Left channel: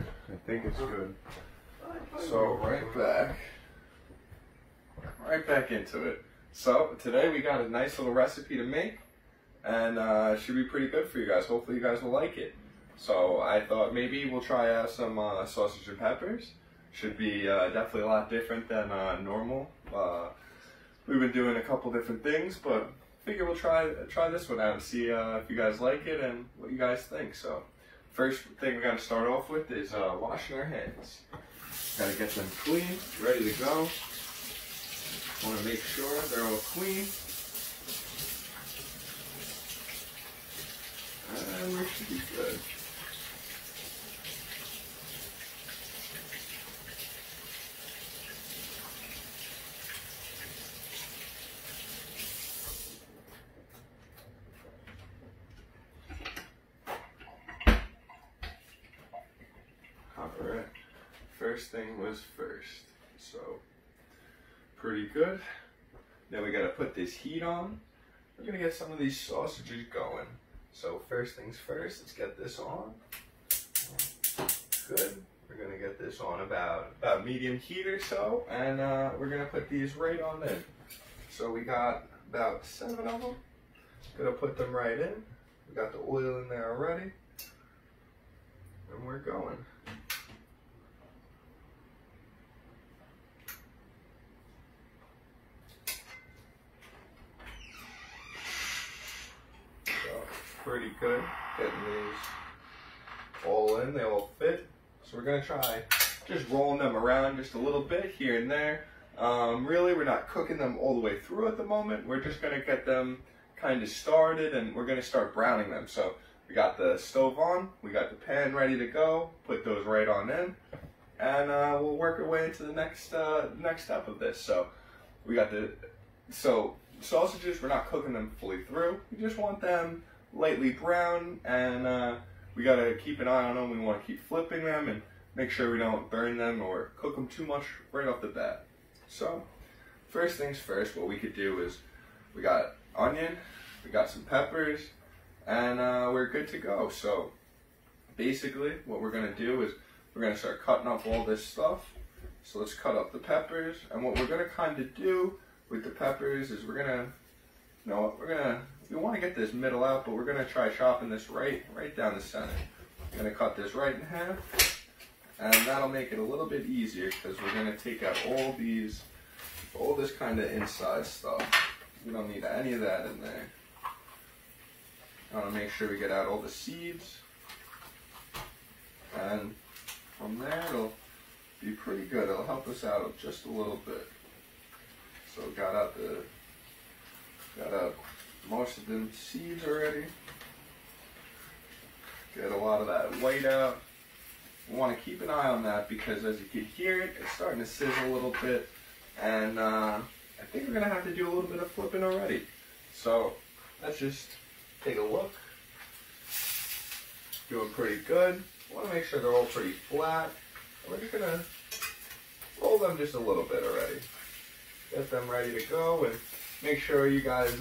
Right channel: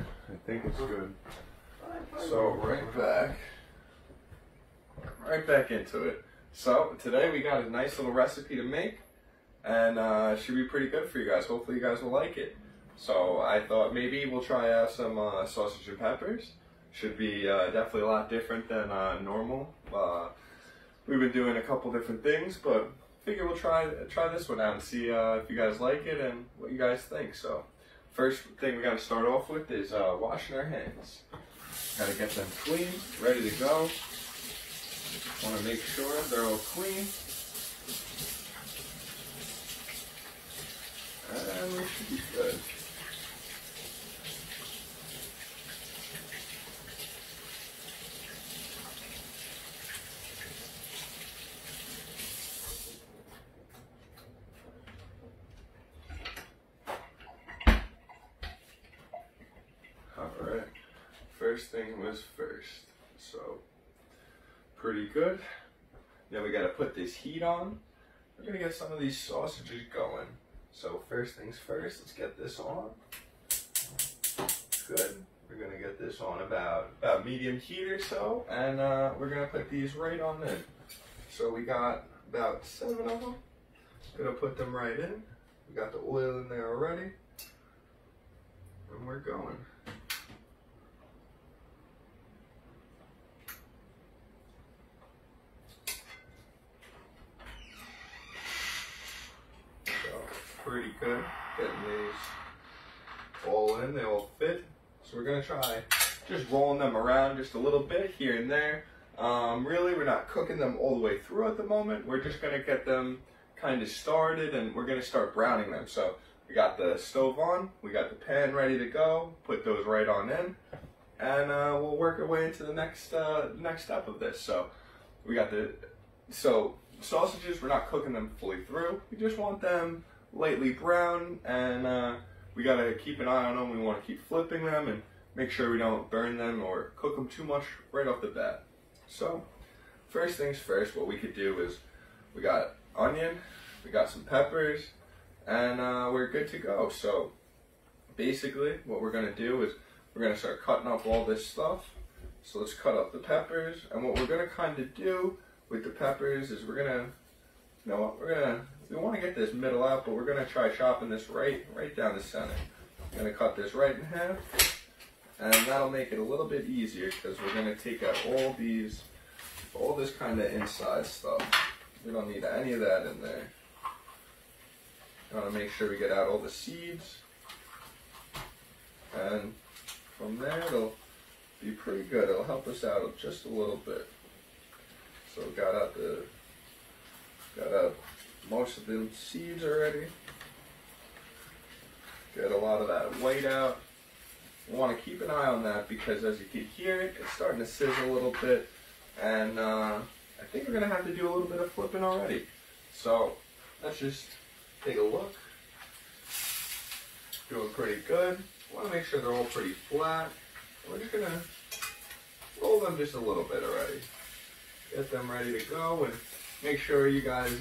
Alright, I think it's good. So right back into it. So today we got a nice little recipe to make, and it should be pretty good for you guys. Hopefully you guys will like it. So I thought maybe we'll try out some sausage and peppers. Should be definitely a lot different than normal. We've been doing a couple different things, but figure we'll try this one out and see if you guys like it and what you guys think. So first thing we're gonna start off with is washing our hands. Gotta get them clean, ready to go. Want to make sure they're all clean. And we should be good. Alright, first thing was first. So pretty good. Now we gotta put this heat on. We're gonna get some of these sausages going. So first things first, let's get this on. Good. We're gonna get this on about medium heat or so, and we're gonna put these right on in. So we got about 7 of them. Gonna put them right in. We got the oil in there already, and we're going. Pretty good getting these all in, they all fit. So we're gonna try just rolling them around just a little bit here and there. Really, we're not cooking them all the way through at the moment. We're just gonna get them kind of started, and we're gonna start browning them. So we got the stove on, we got the pan ready to go, put those right on in, and we'll work our way into the next step of this. So we got sausages, we're not cooking them fully through. We just want them lightly brown, and we gotta keep an eye on them. We want to keep flipping them and make sure we don't burn them or cook them too much right off the bat. So first things first, what we could do is we got onion, we got some peppers, and we're good to go. So basically what we're gonna do is we're gonna start cutting up all this stuff. So let's cut up the peppers, and what we're gonna kind of do with the peppers is we're gonna, you know what, we want to get this middle out, but we're going to try chopping this right down the center. I'm going to cut this right in half, and that'll make it a little bit easier because we're going to take out all this kind of inside stuff. We don't need any of that in there. I want to make sure we get out all the seeds, and from there it'll be pretty good. It'll help us out just a little bit. So we got out most of them seeds already. Get a lot of that white out. We want to keep an eye on that because as you can hear it, it's starting to sizzle a little bit, and I think we're going to have to do a little bit of flipping already. So let's just take a look. Doing pretty good. Want to make sure they're all pretty flat. We're just going to roll them just a little bit already. Get them ready to go, and make sure you guys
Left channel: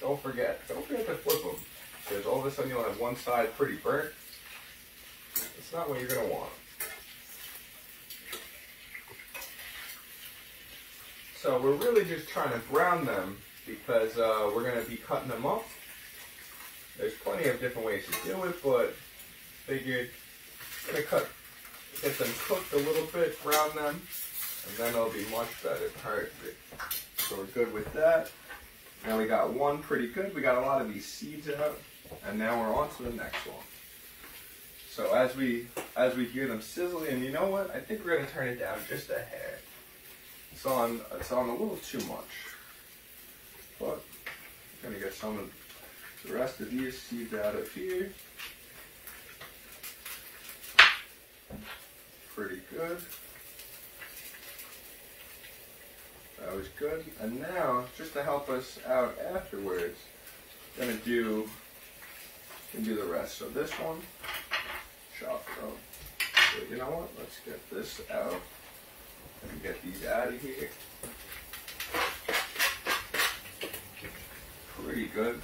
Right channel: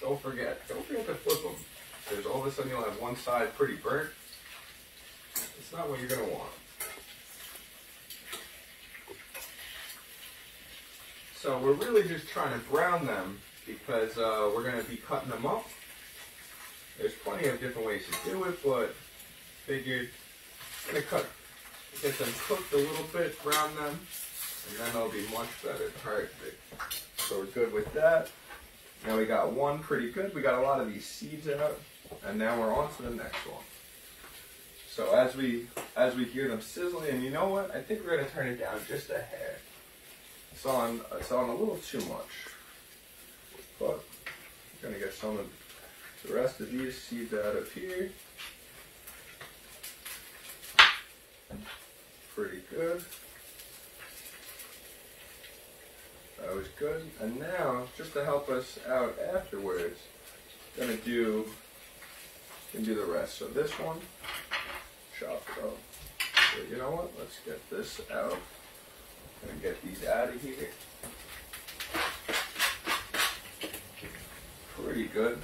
don't forget to flip them, because all of a sudden you'll have one side pretty burnt. It's not what you're going to want. So we're really just trying to brown them because we're going to be cutting them up. There's plenty of different ways to do it, but figured I'm going to get them cooked a little bit, brown them, and then they'll be much better. Alright, so we're good with that. Now we got one pretty good. We got a lot of these seeds out, and now we're on to the next one. So as we hear them sizzling, and you know what? I think we're gonna turn it down just a hair. It's on a little too much, but we're gonna get some of the rest of these seeds out of here. Pretty good. That was good. And now, just to help us out afterwards, I'm gonna do the rest. So this one, chop it up. So you know what? Let's get this out and get these out of here. Pretty good.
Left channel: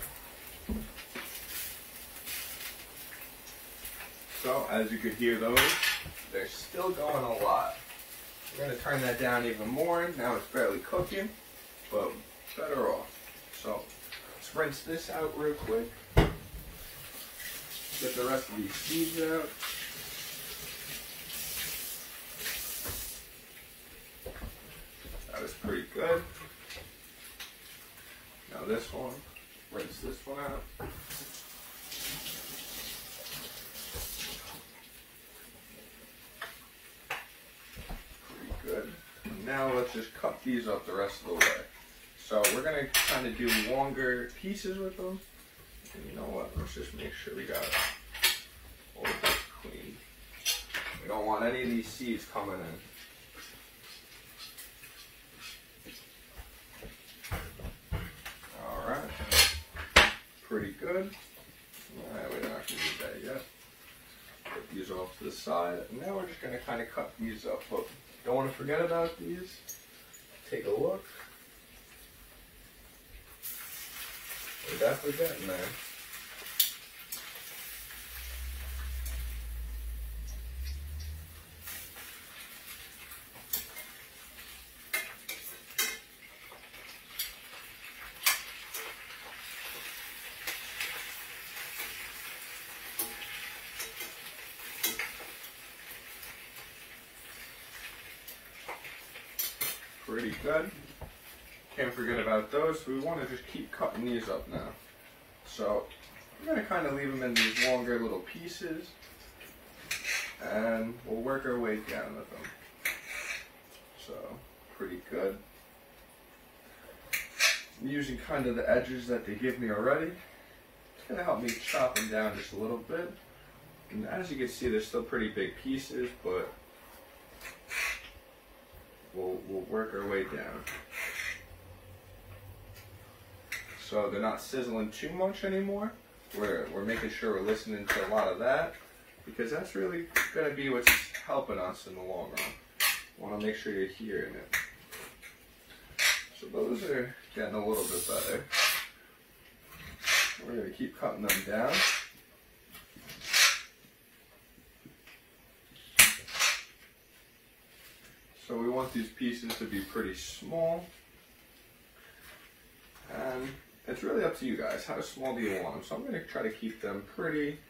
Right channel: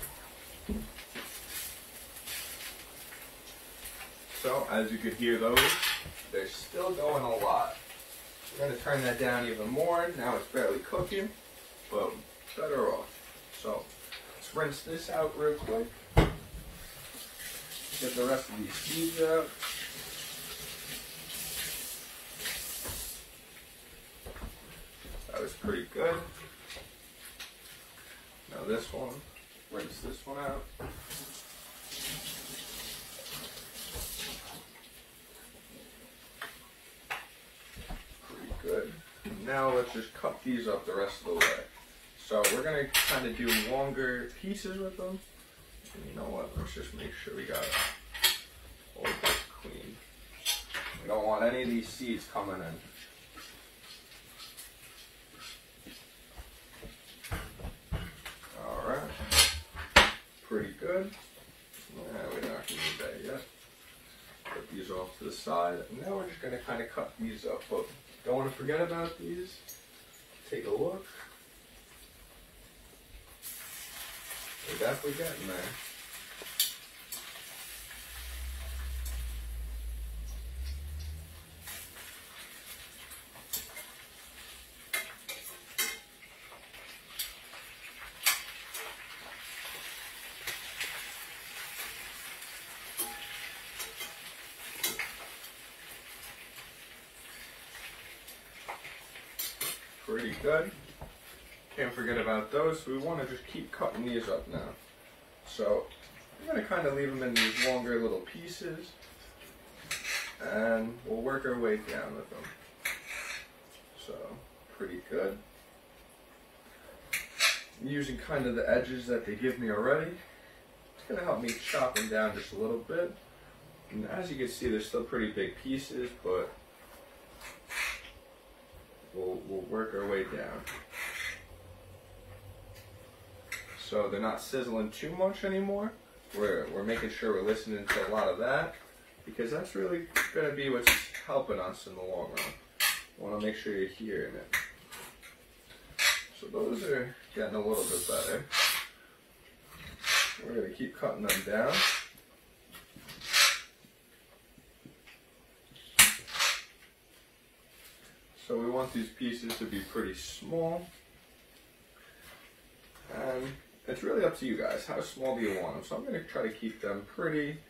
So as you can hear those, they're still going a lot. We're going to turn that down even more. Now it's barely cooking, but better off. So let's rinse this out real quick. Get the rest of these seeds out. That was pretty good. Now this one, rinse this one out. Pretty good. Now let's just cut these up the rest of the way. So we're going to kind of do longer pieces with them. And you know what, let's just make sure we got all of this clean. We don't want any of these seeds coming in. Pretty good. We don't have to do that yet. Put these off to the side. And now we're just going to kind of cut these up. Look, don't want to forget about these. Take a look. We're definitely getting there. Pretty good. Can't forget about those. So we want to just keep cutting these up now. So I'm going to kind of leave them in these longer little pieces, and we'll work our way down with them. So pretty good. I'm using kind of the edges that they give me already. It's going to help me chop them down just a little bit. And as you can see, they're still pretty big pieces, but we'll work our way down. So they're not sizzling too much anymore. We're making sure we're listening to a lot of that, because that's really going to be what's helping us in the long run. You want to make sure you're hearing it. So those are getting a little bit better. We're going to keep cutting them down. So we want these pieces to be pretty small. And it's really up to you guys. How small do you want them? So I'm going to try to keep them pretty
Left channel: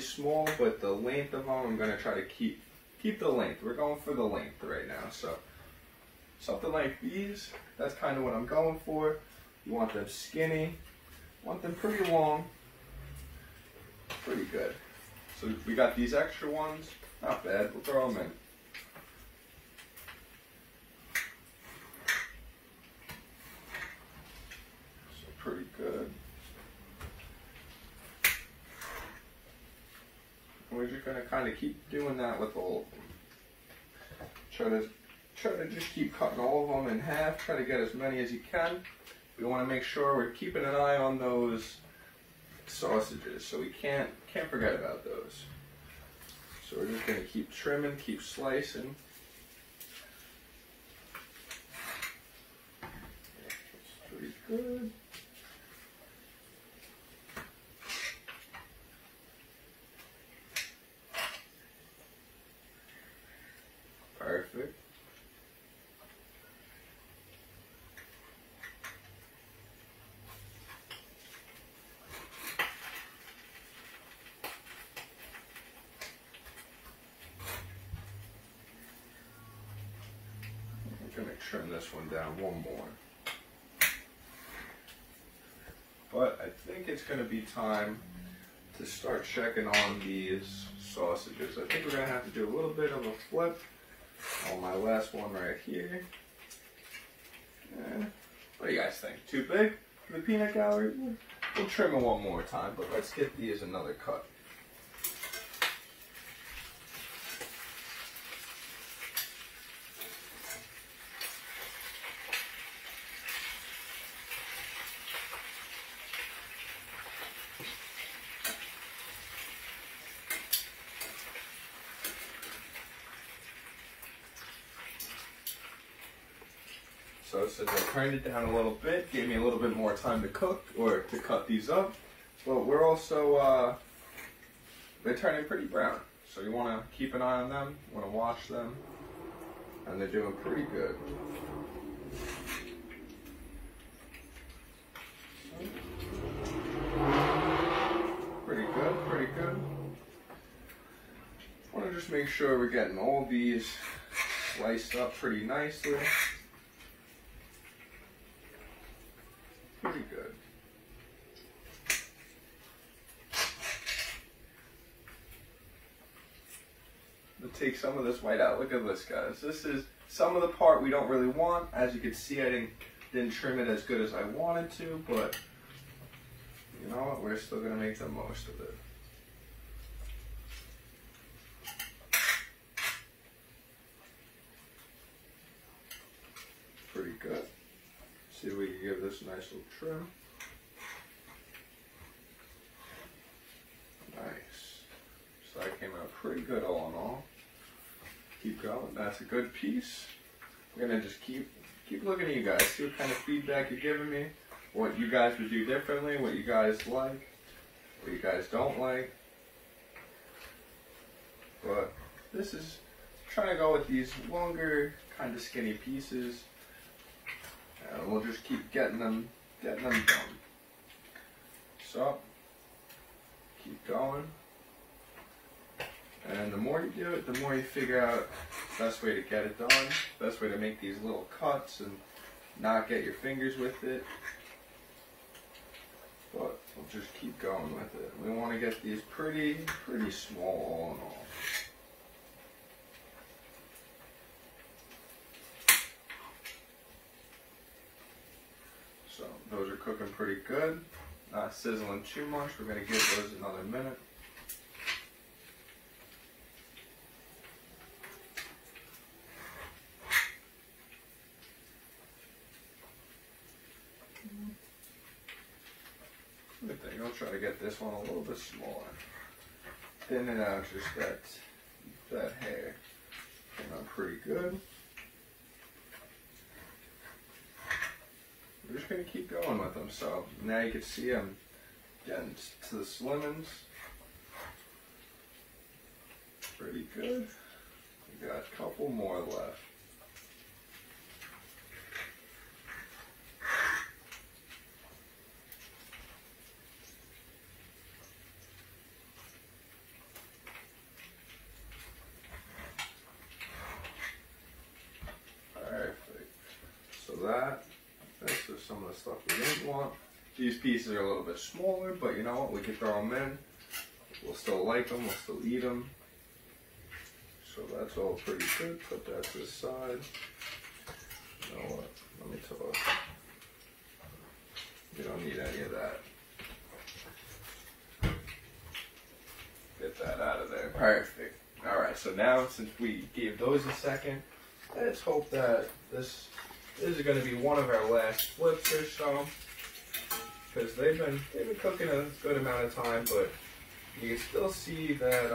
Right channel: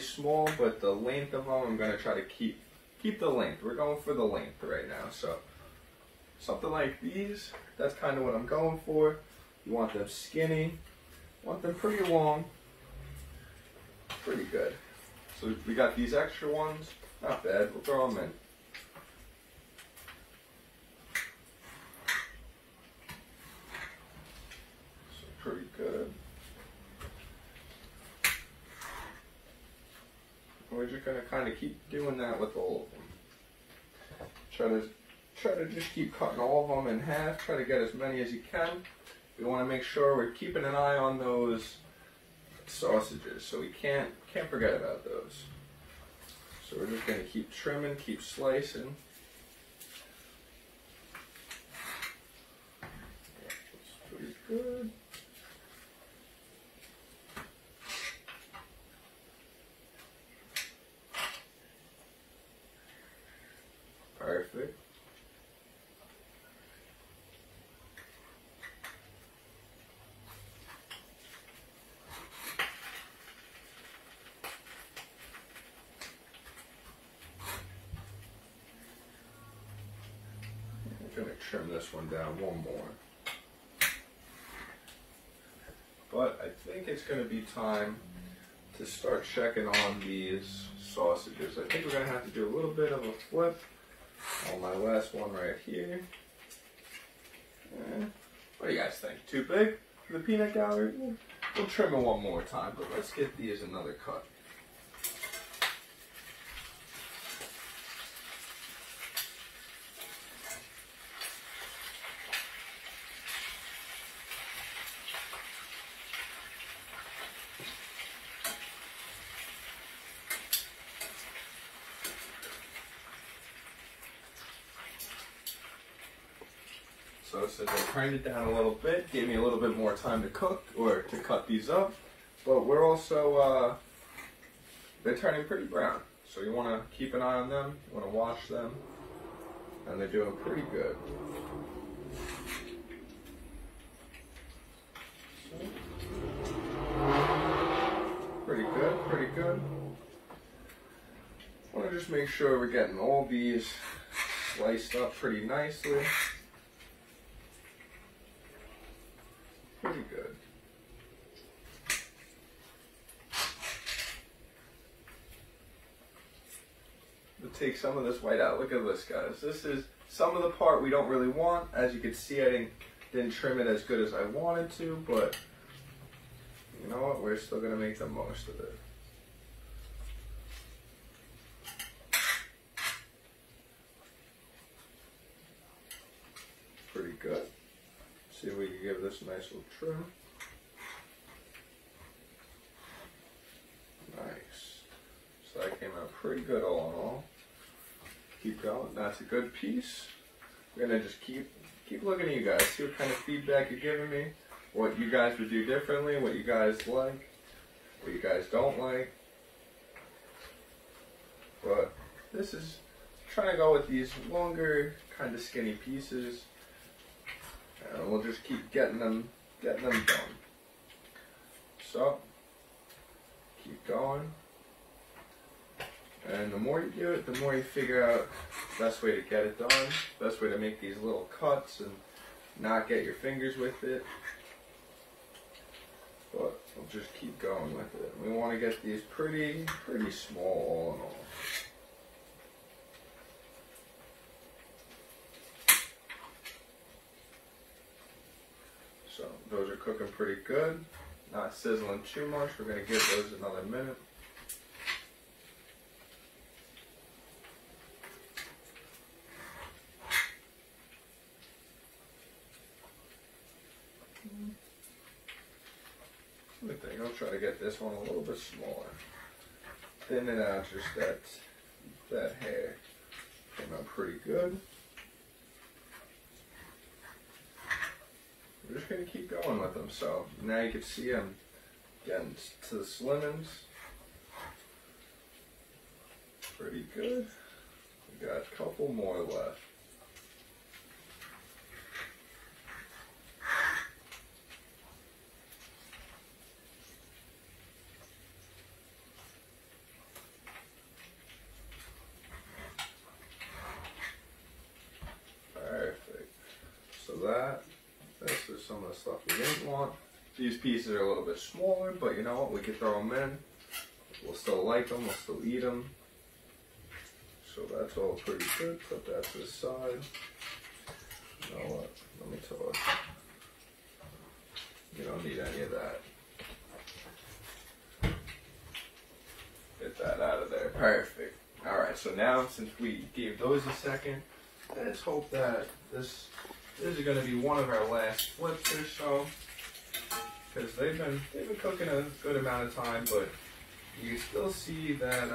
small, but the length of them, I'm going to try to keep the length. We're going for the length right now. So something like these, that's kind of what I'm going for. You want them skinny, want them pretty long, pretty good. So we got these extra ones, not bad, we'll throw them in. Pretty good. We're just going to kind of keep doing that with all of them. Try to just keep cutting all of them in half. Try to get as many as you can. We want to make sure we're keeping an eye on those sausages, so we can't forget about those. So we're just going to keep trimming, keep slicing. That's pretty good. Perfect. I'm going to trim this one down one more. But I think it's going to be time to start checking on these sausages. I think we're going to have to do a little bit of a flip on my last one right here. What do you guys think? Too big for the peanut gallery? We'll trim it one more time, but let's get these another cut. So since I turned it down a little bit, gave me a little bit more time to cook or to cut these up. But we're also they're turning pretty brown. So you want to keep an eye on them, you want to wash them, and they're doing pretty good. Pretty good, pretty good. I want to just make sure we're getting all these sliced up pretty nicely. Pretty good. To take some of this white out. Look at this, guys. This is some of the part we don't really want. As you can see, I didn't trim it as good as I wanted to, but you know what? We're still gonna make the most of it. Pretty good. See if we can give this a nice little trim. Nice. So that came out pretty good all in all. Keep going. That's a good piece. We're gonna just keep looking at you guys. See what kind of feedback you're giving me. What you guys would do differently. What you guys like. What you guys don't like. But this is trying to go with these longer, kind of skinny pieces. And we'll just keep getting them done. So, keep going. And the more you do it, the more you figure out the best way to get it done, best way to make these little cuts and not get your fingers with it. But we'll just keep going with it. We want to get these pretty small all in all. So those are cooking pretty good. Not sizzling too much. We're going to give those another minute. I think I'll try to get this one a little bit smaller. Thin it out just that hair. Came out pretty good. We're just going to keep going with them. So now you can see I'm getting to the slimmings. Pretty good. We got a couple more left. This is some of the stuff we didn't want. These pieces are a little bit smaller, but you know what? We can throw them in. We'll still like them. We'll still eat them. So that's all pretty good. Put that to the side. You know what? Let me tell you. You don't need any of that. Get that out of there. Perfect. Alright, so now since we gave those a second, let's hope that this is going to be one of our last flips or so, because they've been cooking a good amount of time, but you can still see that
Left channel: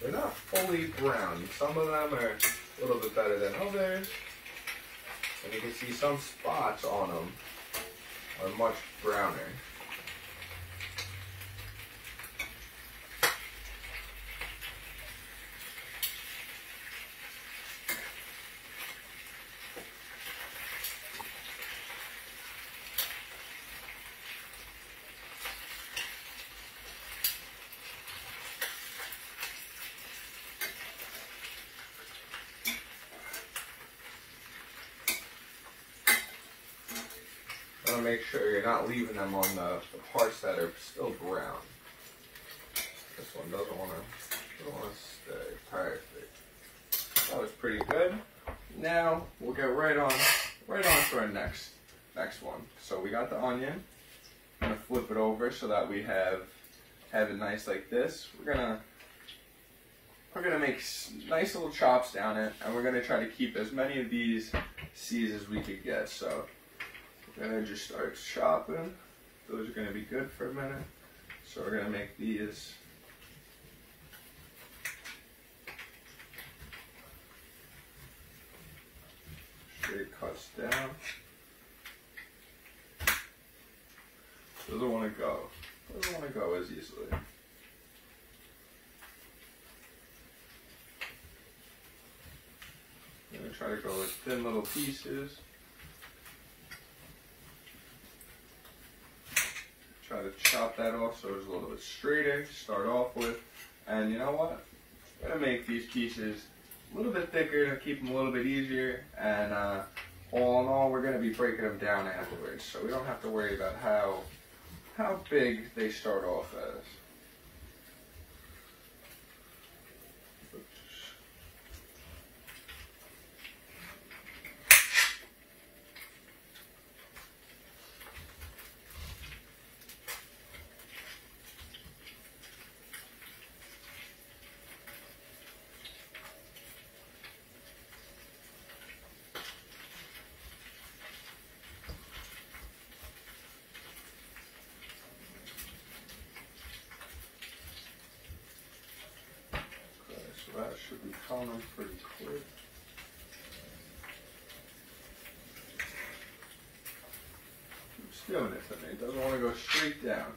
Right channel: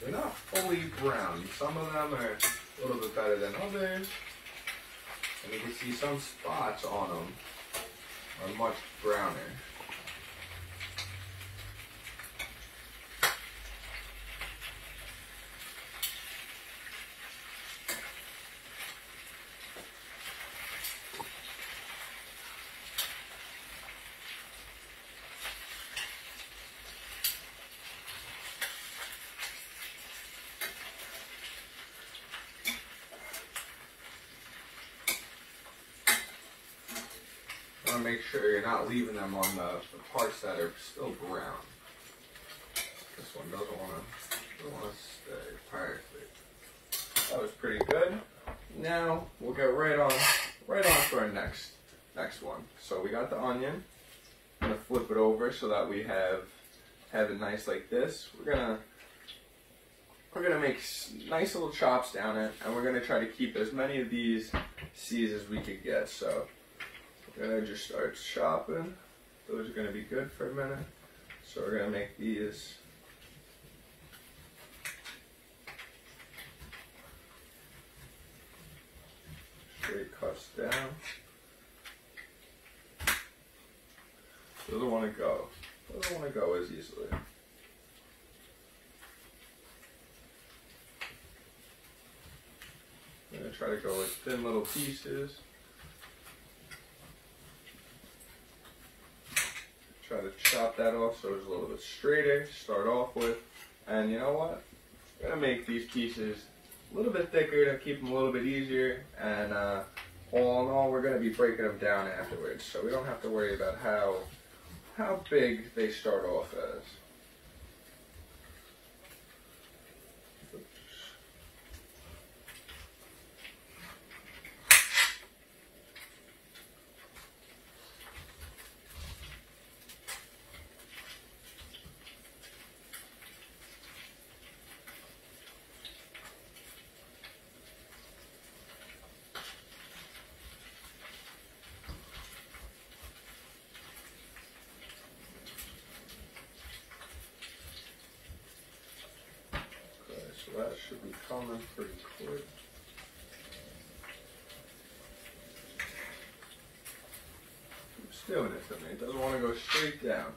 they're not fully brown. Some of them are a little bit better than others, and you can see some spots on them are much browner. Make sure you're not leaving them on the parts that are still brown. This one doesn't want to stay. Perfect. That was pretty good. Now we'll get right on to our next one. So we got the onion. I'm gonna flip it over so that we have it nice like this. We're gonna make nice little chops down it, and we're gonna try to keep as many of these C's as we could get. So we're going to just start chopping. Those are going to be good for a minute. So we're going to make these straight cuts down. Doesn't want to go as easily. try to go with thin little pieces. Try to chop that off so it's a little bit straighter to start off with. And you know what? I'm going to make these pieces a little bit thicker to keep them a little bit easier. And all in all, we're going to be breaking them down afterwards. So we don't have to worry about how big they start off as. So that should be coming pretty quick. It's doing it for me. It doesn't want to go straight down.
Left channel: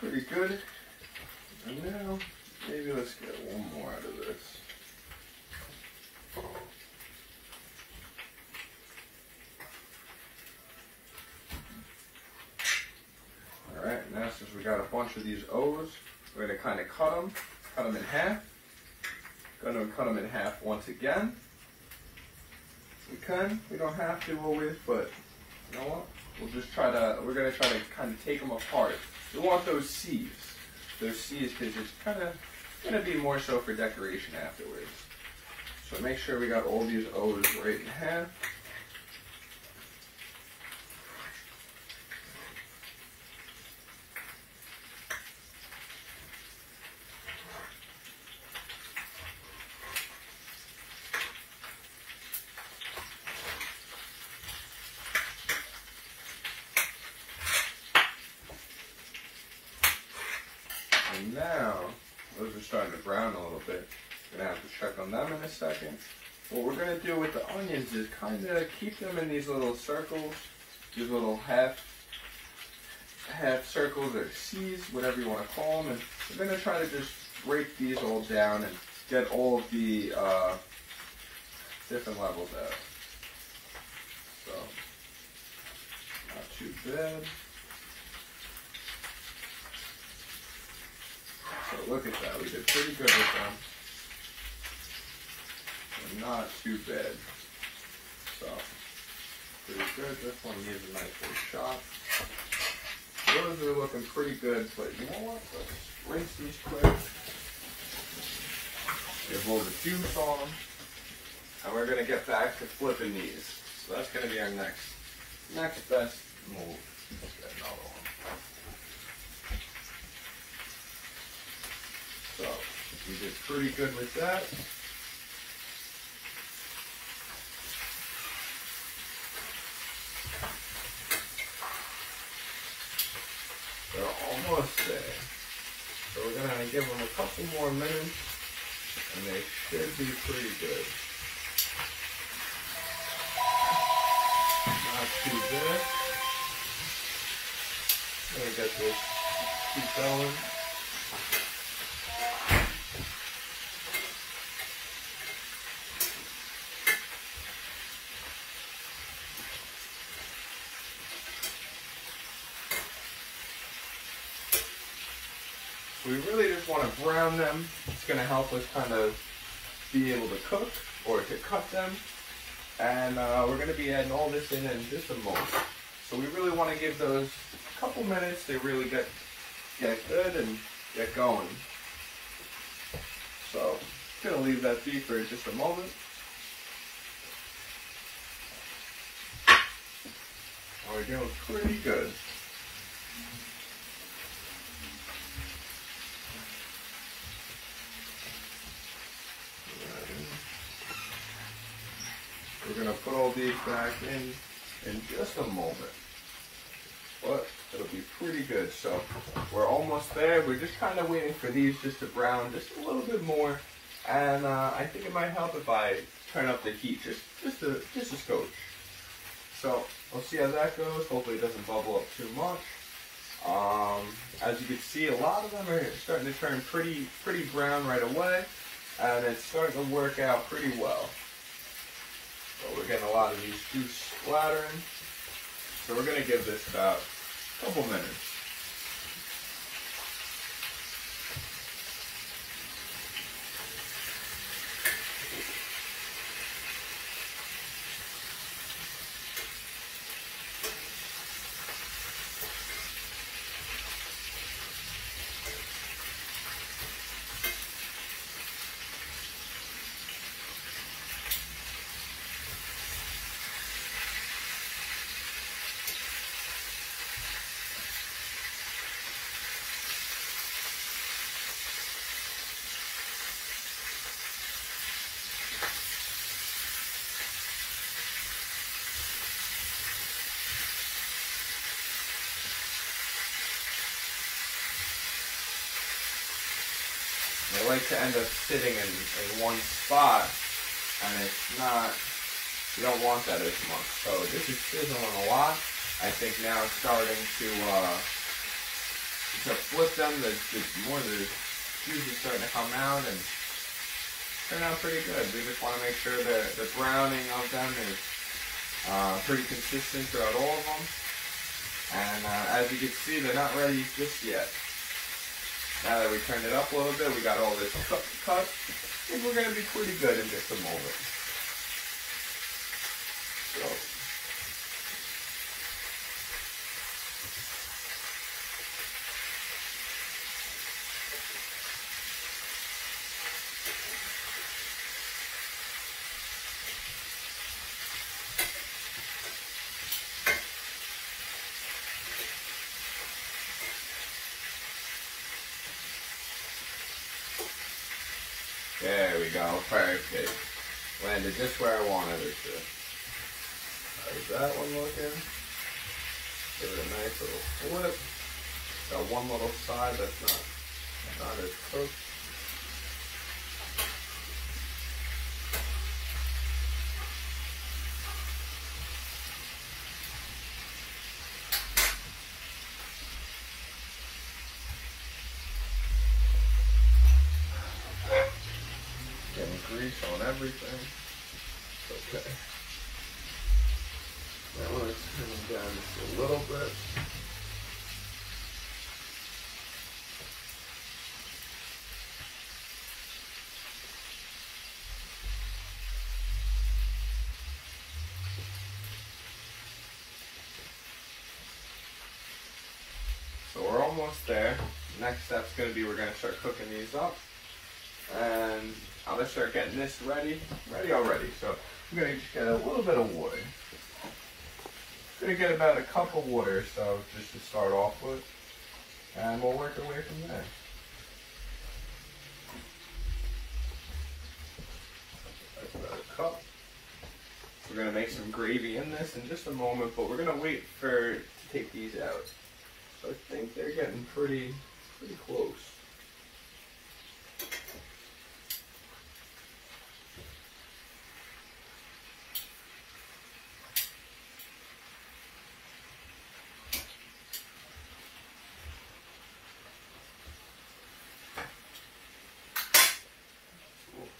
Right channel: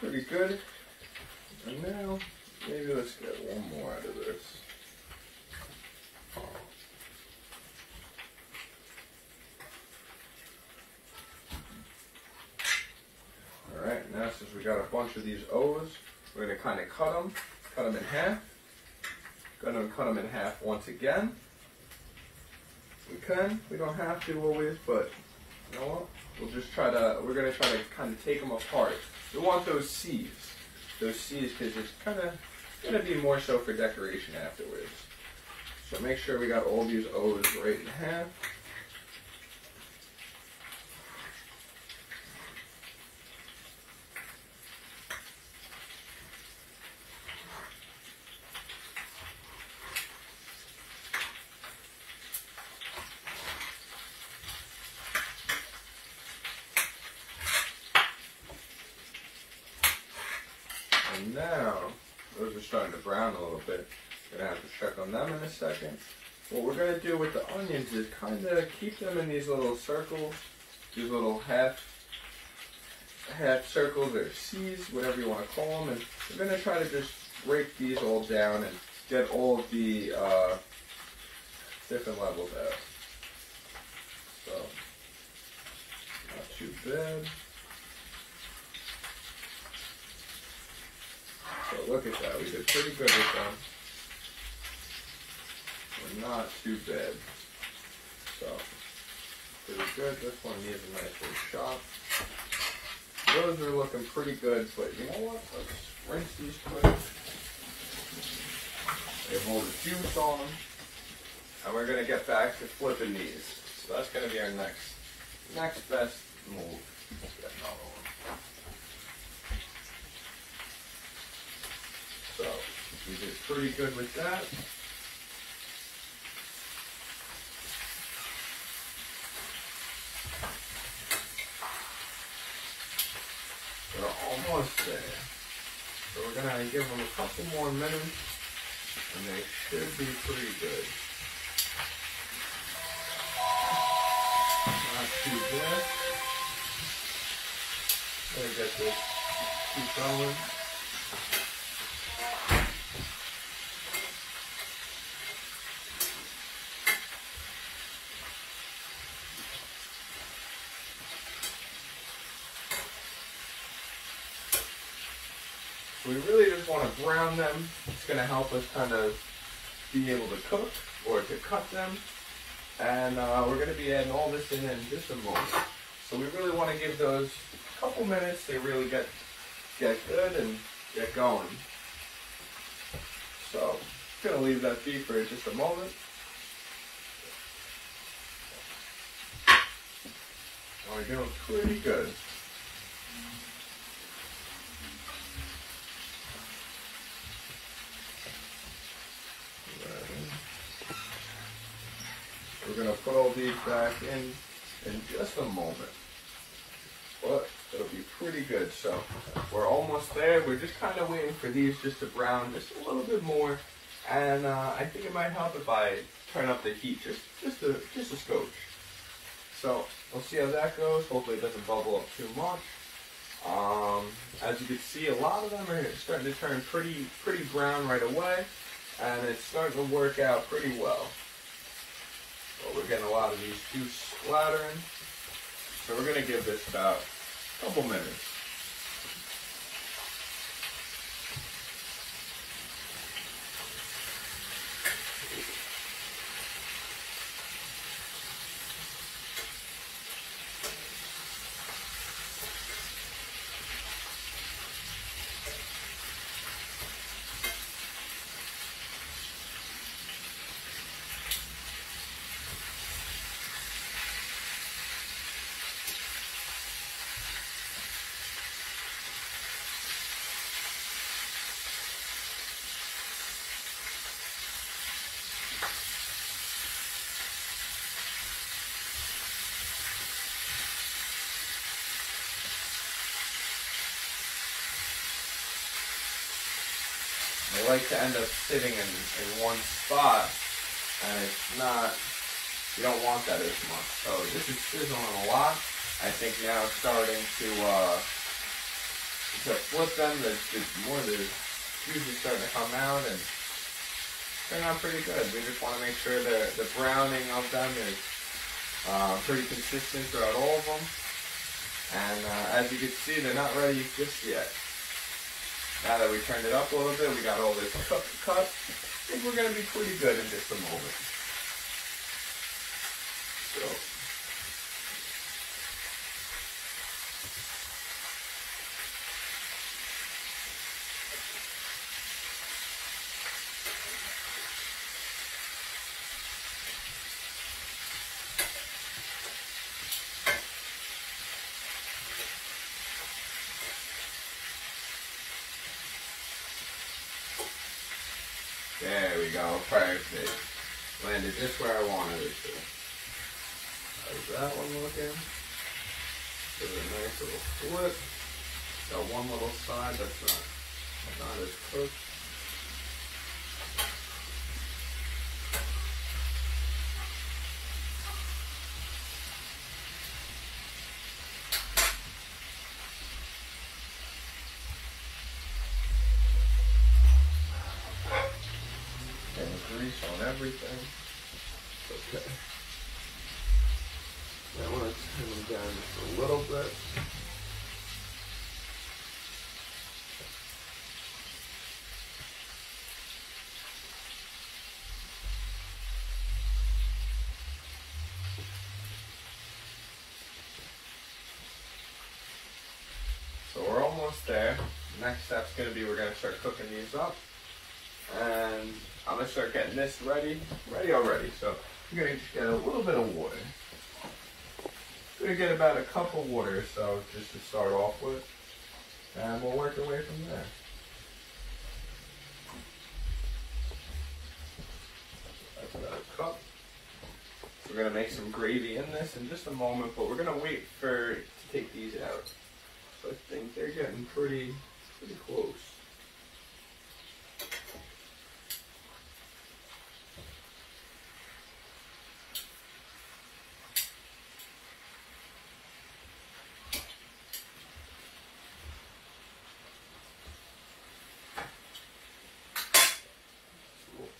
Pretty good. And now, maybe let's get one more out of this. Alright, now since we got a bunch of these O's, we're going to kind of cut them in half. Going to cut them in half once again. We don't have to always, but you know what? We're going to try to kind of take them apart. We want those C's. Those C's because it's kind of going to be more so for decoration afterwards. So make sure we got all these O's right in half. And now, those are starting to brown a little bit. Gonna have to check on them in a second. What we're gonna do with the onions is kind of keep them in these little circles, these little half circles or C's, whatever you want to call them. And we're gonna try to just break these all down and get all of the different levels out. So, not too bad. So look at that, we did pretty good with them. But not too bad. So, pretty good. This one needs a nice little chop. Those are looking pretty good, but you know what? Let's rinse these quick. They hold the juice on them. And we're going to get back to flipping these. So that's going to be our next best move. Let's get another one. So, we did pretty good with that. We're almost there. So we're going to give them a couple more minutes, and they should be pretty good. Not too bad. Let me get this, keep going. We really just want to brown them. It's going to help us kind of be able to cook or to cut them. And we're going to be adding all this in just a moment. So we really want to give those a couple minutes to really get good and get going. So I'm going to leave that be for just a moment. we're doing pretty good. We're going to put all these back in just a moment. But it'll be pretty good. So we're almost there. We're just kind of waiting for these just to brown just a little bit more. And I think it might help if I turn up the heat just a skosh. So we'll see how that goes. Hopefully it doesn't bubble up too much. As you can see, a lot of them are starting to turn pretty brown right away. And it's starting to work out pretty well. But we're getting a lot of these juice splattering. So we're going to give this about a couple minutes. They like to end up sitting in one spot, and it's not, you don't want that as much. So this is sizzling a lot. I think now it's starting to flip them. More of the juice is starting to come out and turn out pretty good. We just want to make sure that the browning of them is pretty consistent throughout all of them. And as you can see, they're not ready just yet. Now that we turned it up a little bit, we got all this cut to cut. I think we're going to be pretty good in just a moment. There we go, perfect. Landed just where I wanted it to. How's that one looking? Give it a nice little flip. Got one little side that's not as cooked. Grease on everything. Okay. Now I want to turn them down just a little bit. So we're almost there. Next step's going to be we're going to start cooking these up. And I'm going to start getting this ready already. So I'm going to get a little bit of water. I'm going to get about a cup of water or so just to start off with. And we'll work our way from there. That's about a cup. We're going to make some gravy in this in just a moment, but we're going to wait to take these out. So I think they're getting pretty close.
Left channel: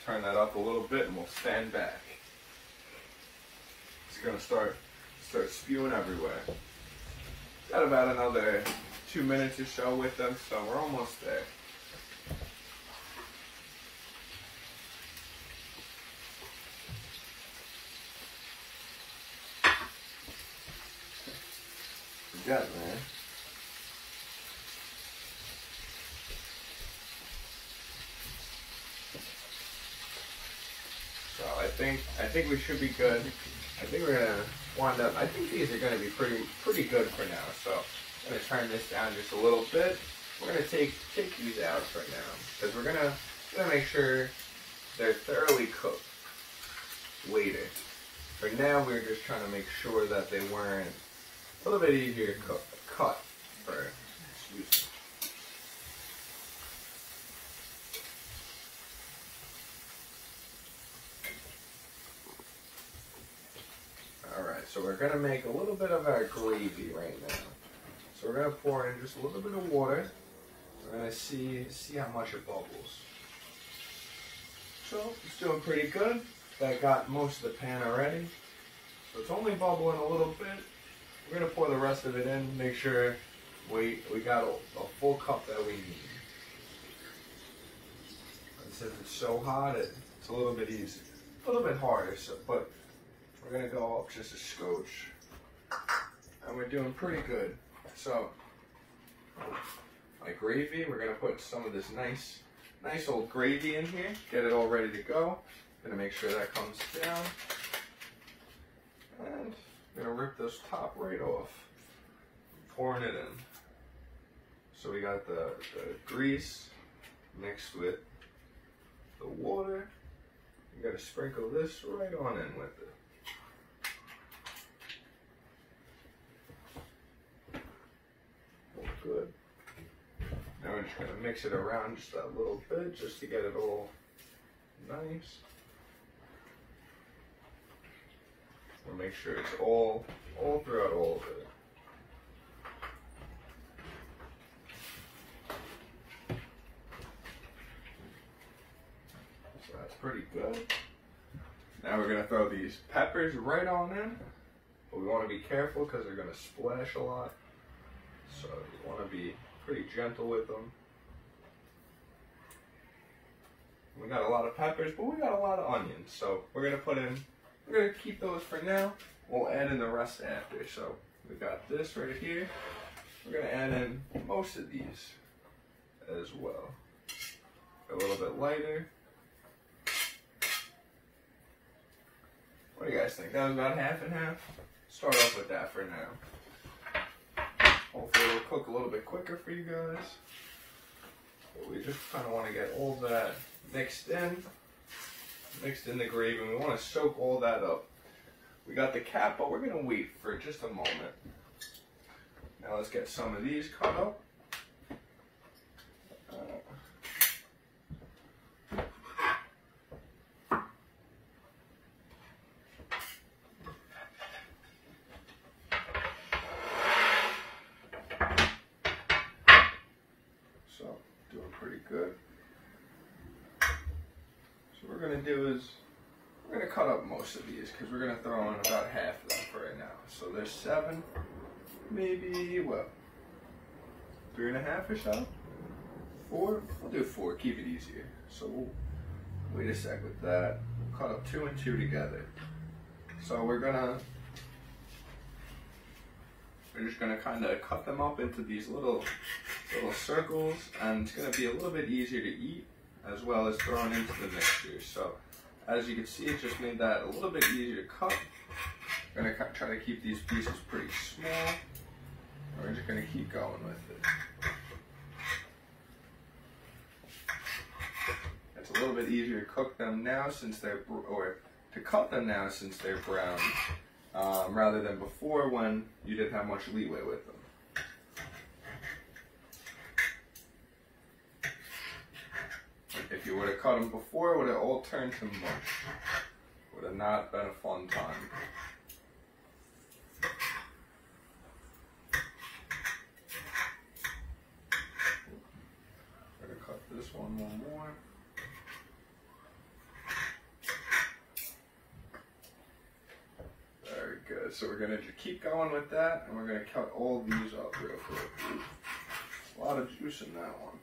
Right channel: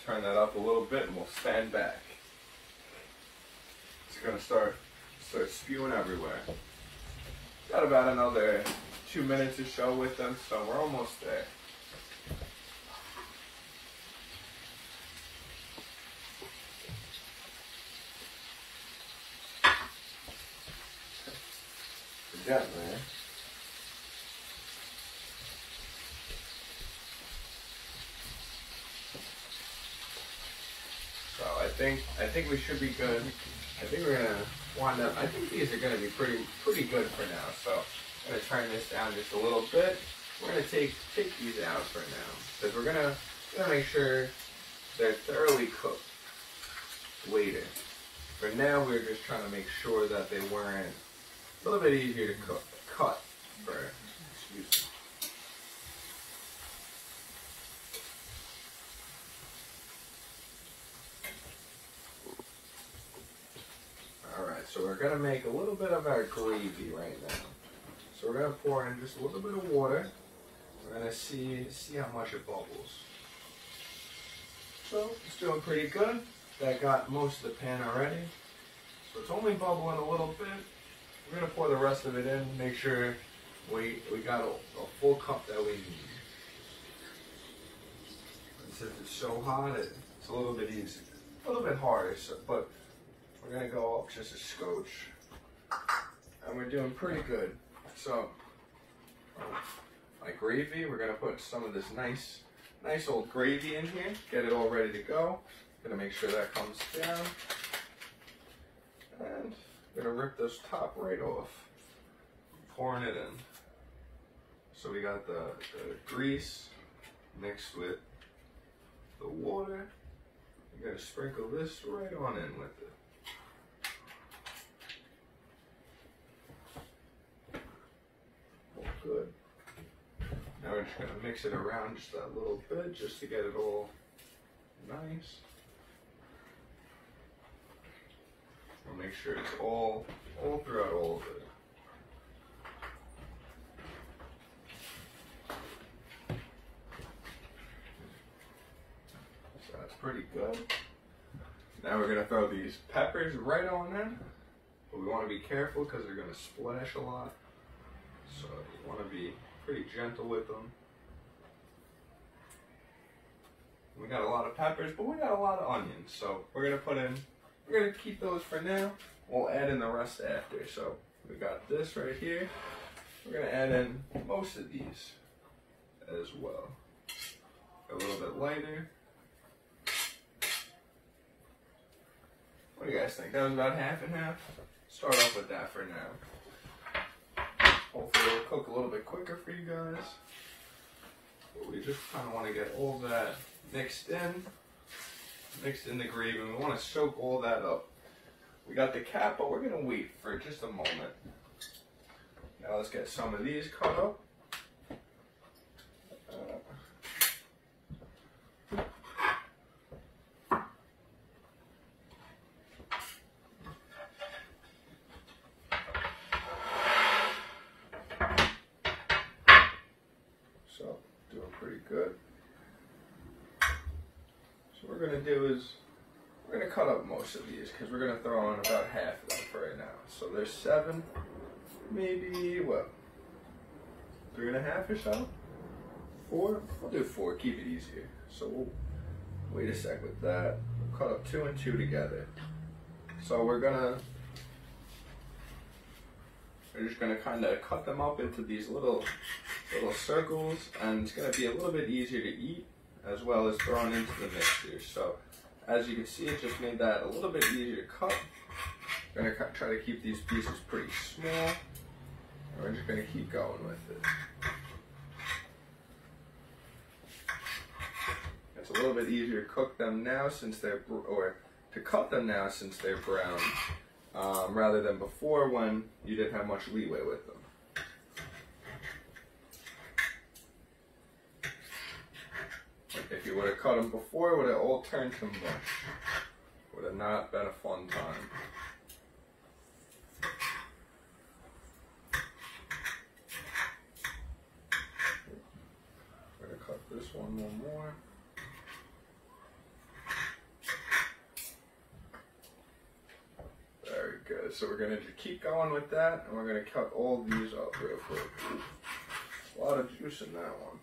Turn that up a little bit and we'll stand back. It's going to start spewing everywhere. Got about another 2 minutes or so with them, so we're almost there. We're getting there. So I think we should be good. I think we're gonna wind up. I think these are gonna be pretty good for now. So I'm gonna turn this down just a little bit. We're gonna take these out for now because we're gonna make sure they're thoroughly cooked later. For now, we're just trying to make sure that they weren't a little bit easier to cut for. Excuse me. Alright, so we're going to make a little bit of our gravy right now. So we're going to pour in just a little bit of water. We're going to see how much it bubbles. So it's doing pretty good. That got most of the pan already. So it's only bubbling a little bit. We're going to pour the rest of it in, make sure we got a full cup that we need. And since it's so hot, it's a little bit easy. A little bit harder, but we're going to go up just a scotch. And we're doing pretty good. So, my gravy, we're going to put some of this nice old gravy in here. Get it all ready to go. Going to make sure that comes down. And I'm going to rip this top right off. Pouring it in. So we got the grease mixed with the water. You got to sprinkle this right on in with it. Good. Now we're just going to mix it around just a little bit just to get it all nice. We'll make sure it's all throughout all of it. So that's pretty good. Now we're going to throw these peppers right on in. But we want to be careful because they're going to splash a lot. So you want to be pretty gentle with them. We got a lot of peppers, but we got a lot of onions. So we're going to keep those for now. We'll add in the rest after. So we got this right here. We're going to add in most of these as well. A little bit lighter. What do you guys think? That was about half and half. Start off with that for now. Hopefully it'll cook a little bit quicker for you guys. But we just kind of want to get all that mixed in the gravy, and we want to soak all that up. We got the cap, but we're going to wait for just a moment. Now let's get some of these cut up. Good. So what we're going to do is we're going to cut up most of these because we're going to throw in about half of them for right now. So there's 7, maybe what, 3.5 or so? 4? We'll do 4, keep it easier. So we'll wait a sec with that. We'll cut up 2 and 2 together. So we're just gonna kind of cut them up into these little circles, and it's gonna be a little bit easier to eat as well as thrown into the mixture. So as you can see, it just made that a little bit easier to cut. We're gonna try to keep these pieces pretty small. We're just gonna keep going with it. It's a little bit easier to cook them now since they're, or to cut them now since they're brown. Rather than before when you didn't have much leeway with them. If you would have cut them before, it would have all turned to mush. Would have not been a fun time. I'm going to cut this one more. Good. So we're going to keep going with that, and we're going to cut all these up real quick. A lot of juice in that one.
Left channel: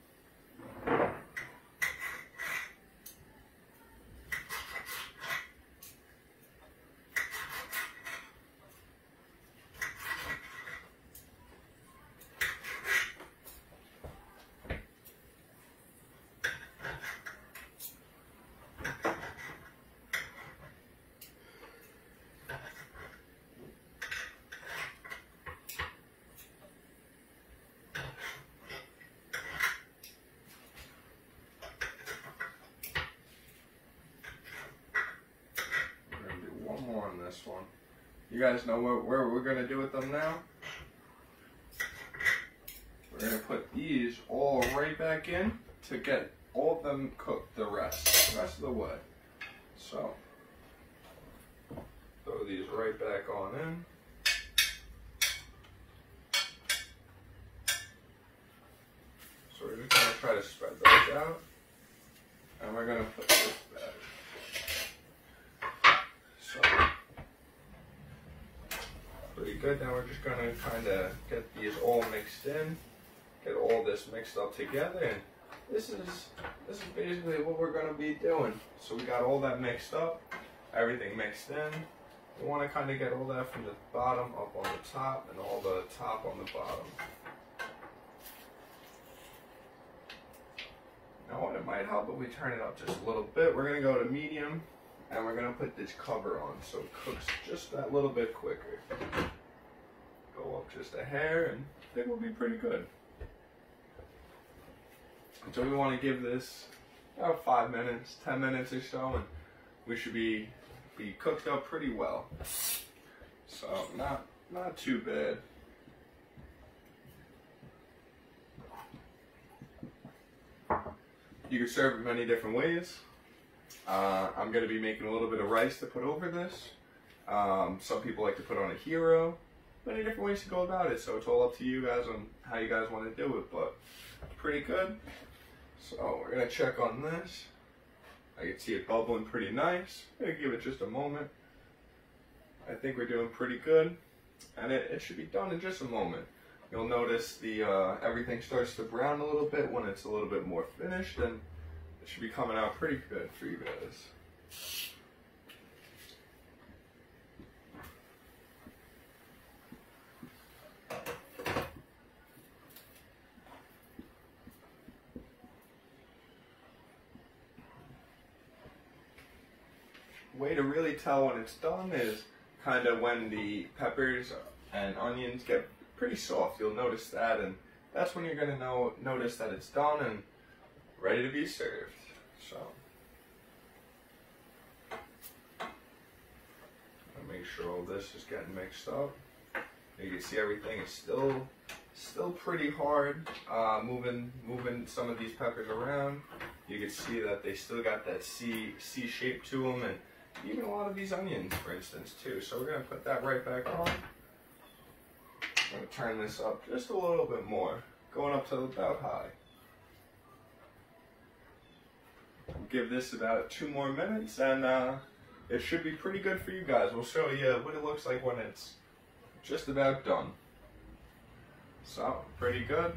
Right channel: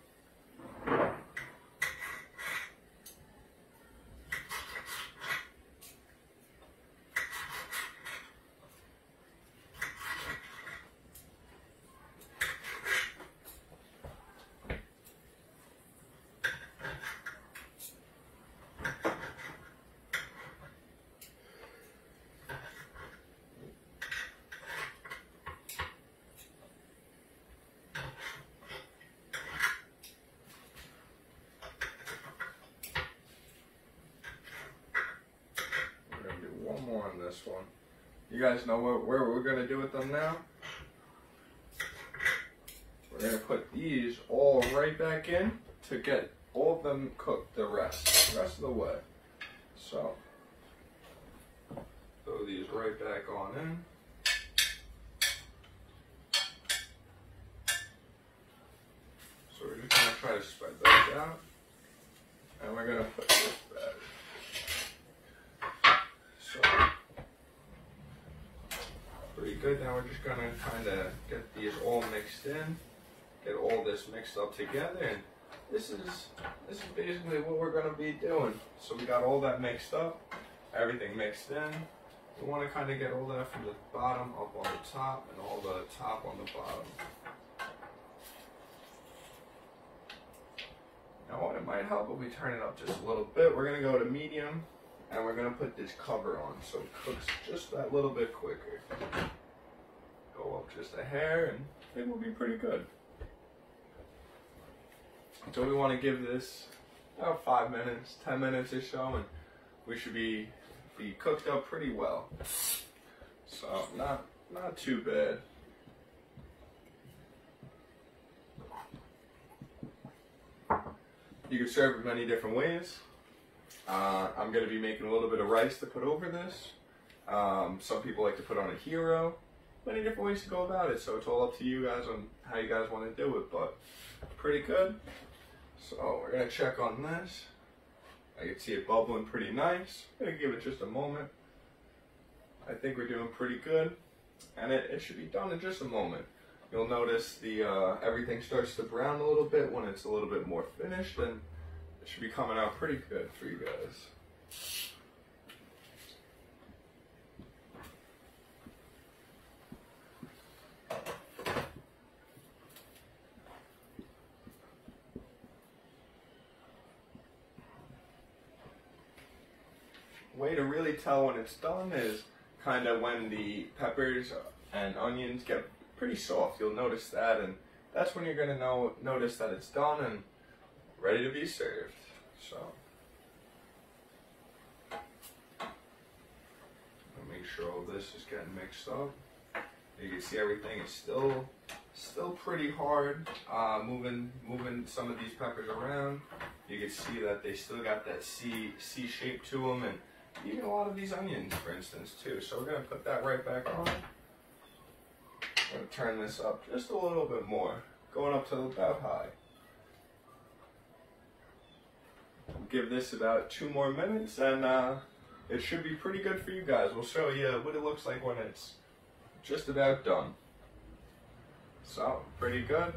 one. You guys know where we're gonna do with them now? We're gonna put these all right back in to get all of them cooked the rest of the way. So, throw these right back on in. So we're just gonna try to spread those out. And we're gonna put this back. So, pretty good. Now we're just gonna kind of get these all mixed in, get all this mixed up together, and this is basically what we're gonna be doing. So we got all that mixed up, everything mixed in. We want to kind of get all that from the bottom up on the top, and all the top on the bottom. Now it might help if we turn it up just a little bit. We're gonna go to medium, and we're gonna put this cover on so it cooks just that little bit quicker. Go up just a hair, and I think we'll be pretty good. So we want to give this about 5 minutes, 10 minutes or so, and we should be cooked up pretty well. So not too bad. You can serve it many different ways. I'm going to be making a little bit of rice to put over this. Some people like to put on a hero. Many different ways to go about it, so it's all up to you guys on how you guys want to do it, but it's pretty good. So we're going to check on this. I can see it bubbling pretty nice. I'm going to give it just a moment. I think we're doing pretty good, and it should be done in just a moment. You'll notice the everything starts to brown a little bit when it's a little bit more finished, and it should be coming out pretty good for you guys. Way to really tell when it's done is kind of when the peppers and onions get pretty soft. You'll notice that, and that's when you're going to notice that it's done and ready to be served. So, I'll make sure all this is getting mixed up. You can see everything is still pretty hard. Moving some of these peppers around, you can see that they still got that C shape to them, and even a lot of these onions, for instance, too. So we're going to put that right back on. I'm going to turn this up just a little bit more, going up to about high. We'll give this about 2 more minutes, and it should be pretty good for you guys. We'll show you what it looks like when it's just about done. So, pretty good,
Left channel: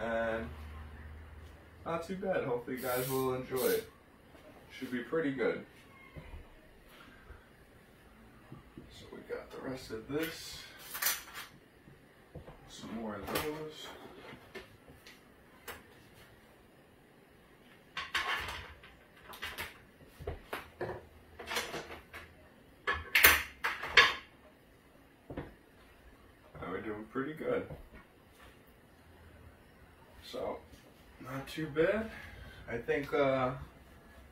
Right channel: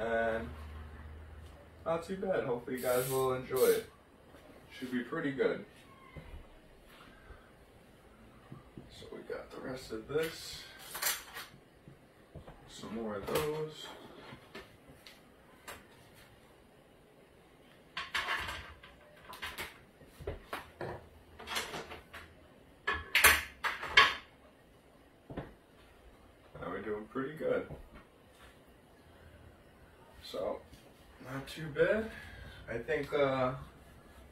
and not too bad. Hopefully you guys will enjoy it. Should be pretty good. So we got the rest of this. Some more of those. Now we're doing pretty good. So, not too bad. I think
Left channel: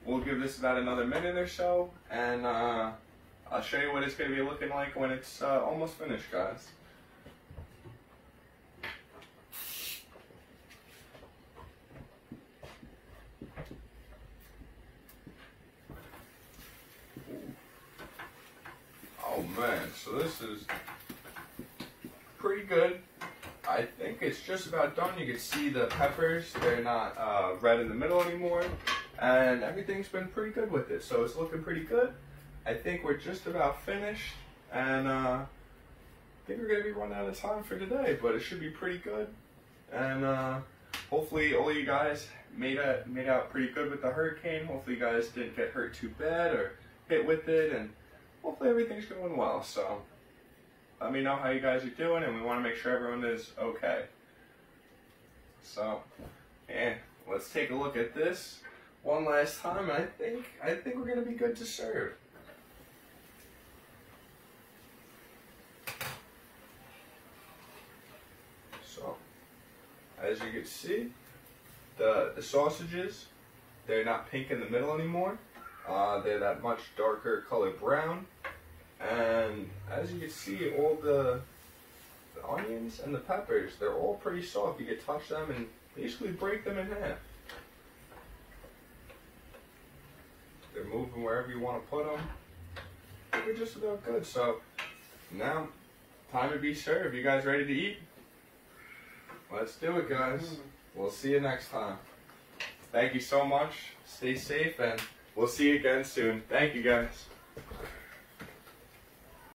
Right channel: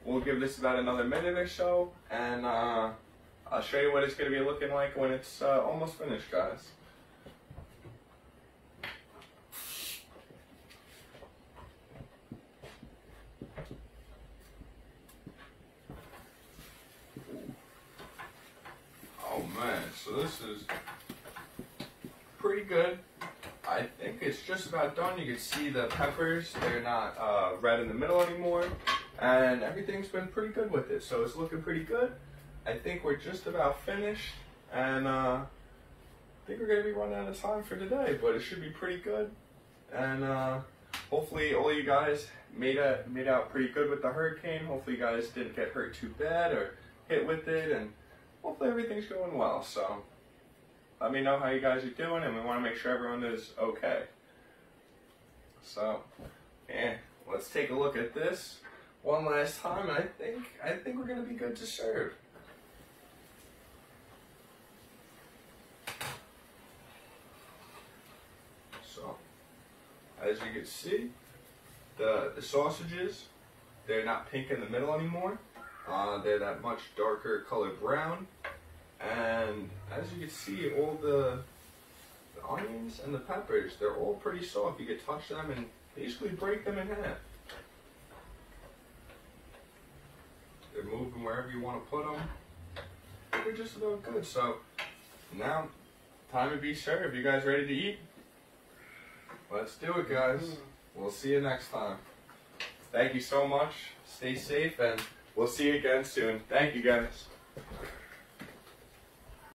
we'll give this about another minute or so, and I'll show you what it's going to be looking like when it's almost finished, guys. Oh man, so this is pretty good. I think it's just about done. You can see the peppers, they're not red in the middle anymore, and everything's been pretty good with it, so it's looking pretty good. I think we're just about finished, and I think we're going to be running out of time for today, but it should be pretty good, and hopefully all you guys made out pretty good with the hurricane. Hopefully you guys didn't get hurt too bad or hit with it, and hopefully everything's going well. So let me know how you guys are doing, and we want to make sure everyone is okay. So, yeah, let's take a look at this one last time, and I think we're going to be good to serve. So, as you can see, the sausages, they're not pink in the middle anymore. They're that much darker colored brown. And as you can see, all the onions and the peppers, they're all pretty soft. You can touch them and basically break them in half. They're moving wherever you want to put them. They're just about good. So now, time to be served. You guys ready to eat? Let's do it, guys. We'll see you next time. Thank you so much. Stay safe, and we'll see you again soon. Thank you, guys.